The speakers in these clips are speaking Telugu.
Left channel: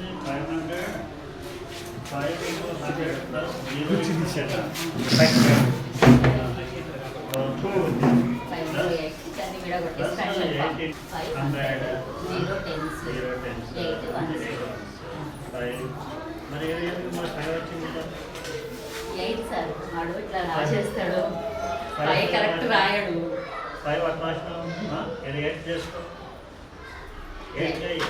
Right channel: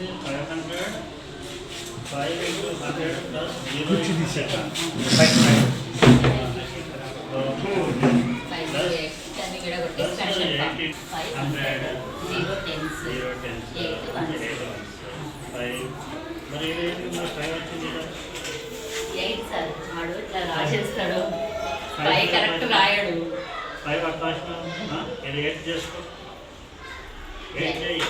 5 into 100 plus 0 into 7. మరి 5 వచ్చింది కదా 8 సార్ వాడు ఇట్లా రాసేస్తాడు 5 కరెక్ట్ రాయడు 5 అట్లా రాసినా ఇది 8 చేసుకో 8 చేయి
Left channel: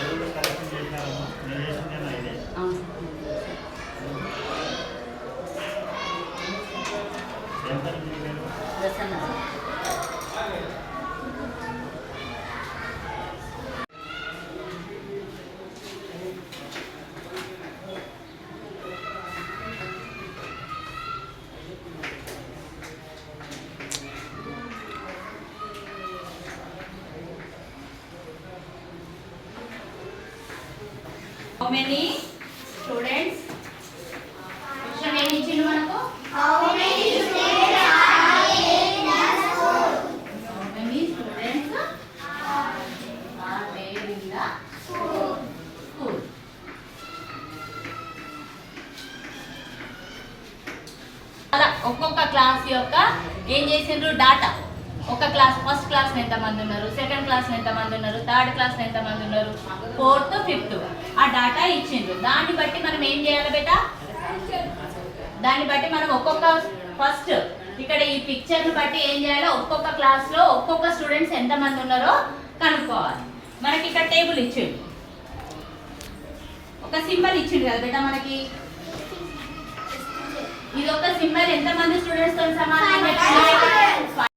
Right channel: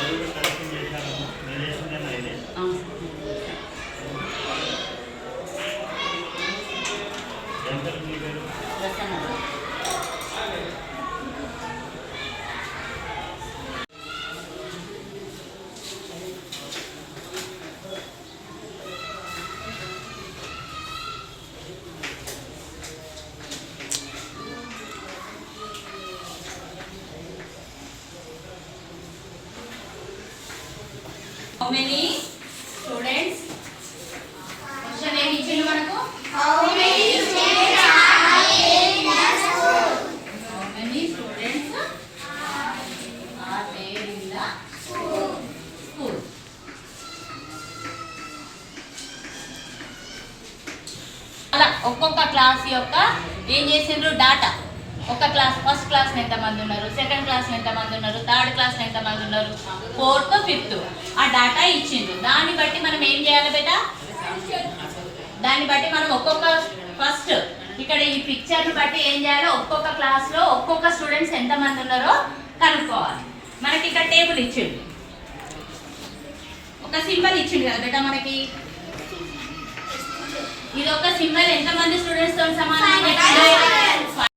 అది కూడా కరెక్షన్ చేశారమ్మా నేను చేసిందేనా ఇది ఎంత మీ పేరు How many students? Question ఏమి ఇచ్చింది మనకు? How many students are in the school? How many students are there in the school? అలా ఒక్కొక్క క్లాస్ యొక్క ఏం చేసిండ్రు డాటా ఒక క్లాస్ ఫస్ట్ క్లాస్ ఎంతమంది ఉన్నారు, సెకండ్ క్లాస్ ఎంతమంది ఉన్నారు, థర్డ్ క్లాస్ ఎంతమంది ఉన్నారు, ఫోర్త్ ఫిఫ్త్ ఆ డాటా ఇచ్చిండ్రు. దాన్ని బట్టి మనం ఏం చేయాలి బేటా, దాన్ని బట్టి మనం ఒక్కొక్క ఫస్ట్ ఇక్కడ ఈ పిక్చర్ని బట్టి ఏం చేయాలో ఒక్కొక్క క్లాస్లో ఒక్కొక్క స్టూడెంట్స్ ఎంతమంది ఉన్నారో కనుక్కోవాలి. మనకి ఇక్కడ టేబుల్ ఇచ్చిండు, ఒక సింబల్ ఇచ్చిండు కదా బేటా మనకి. ఇది ఒక సింబల్ ఎంతమంది స్టూడెంట్స్ తో సమానం?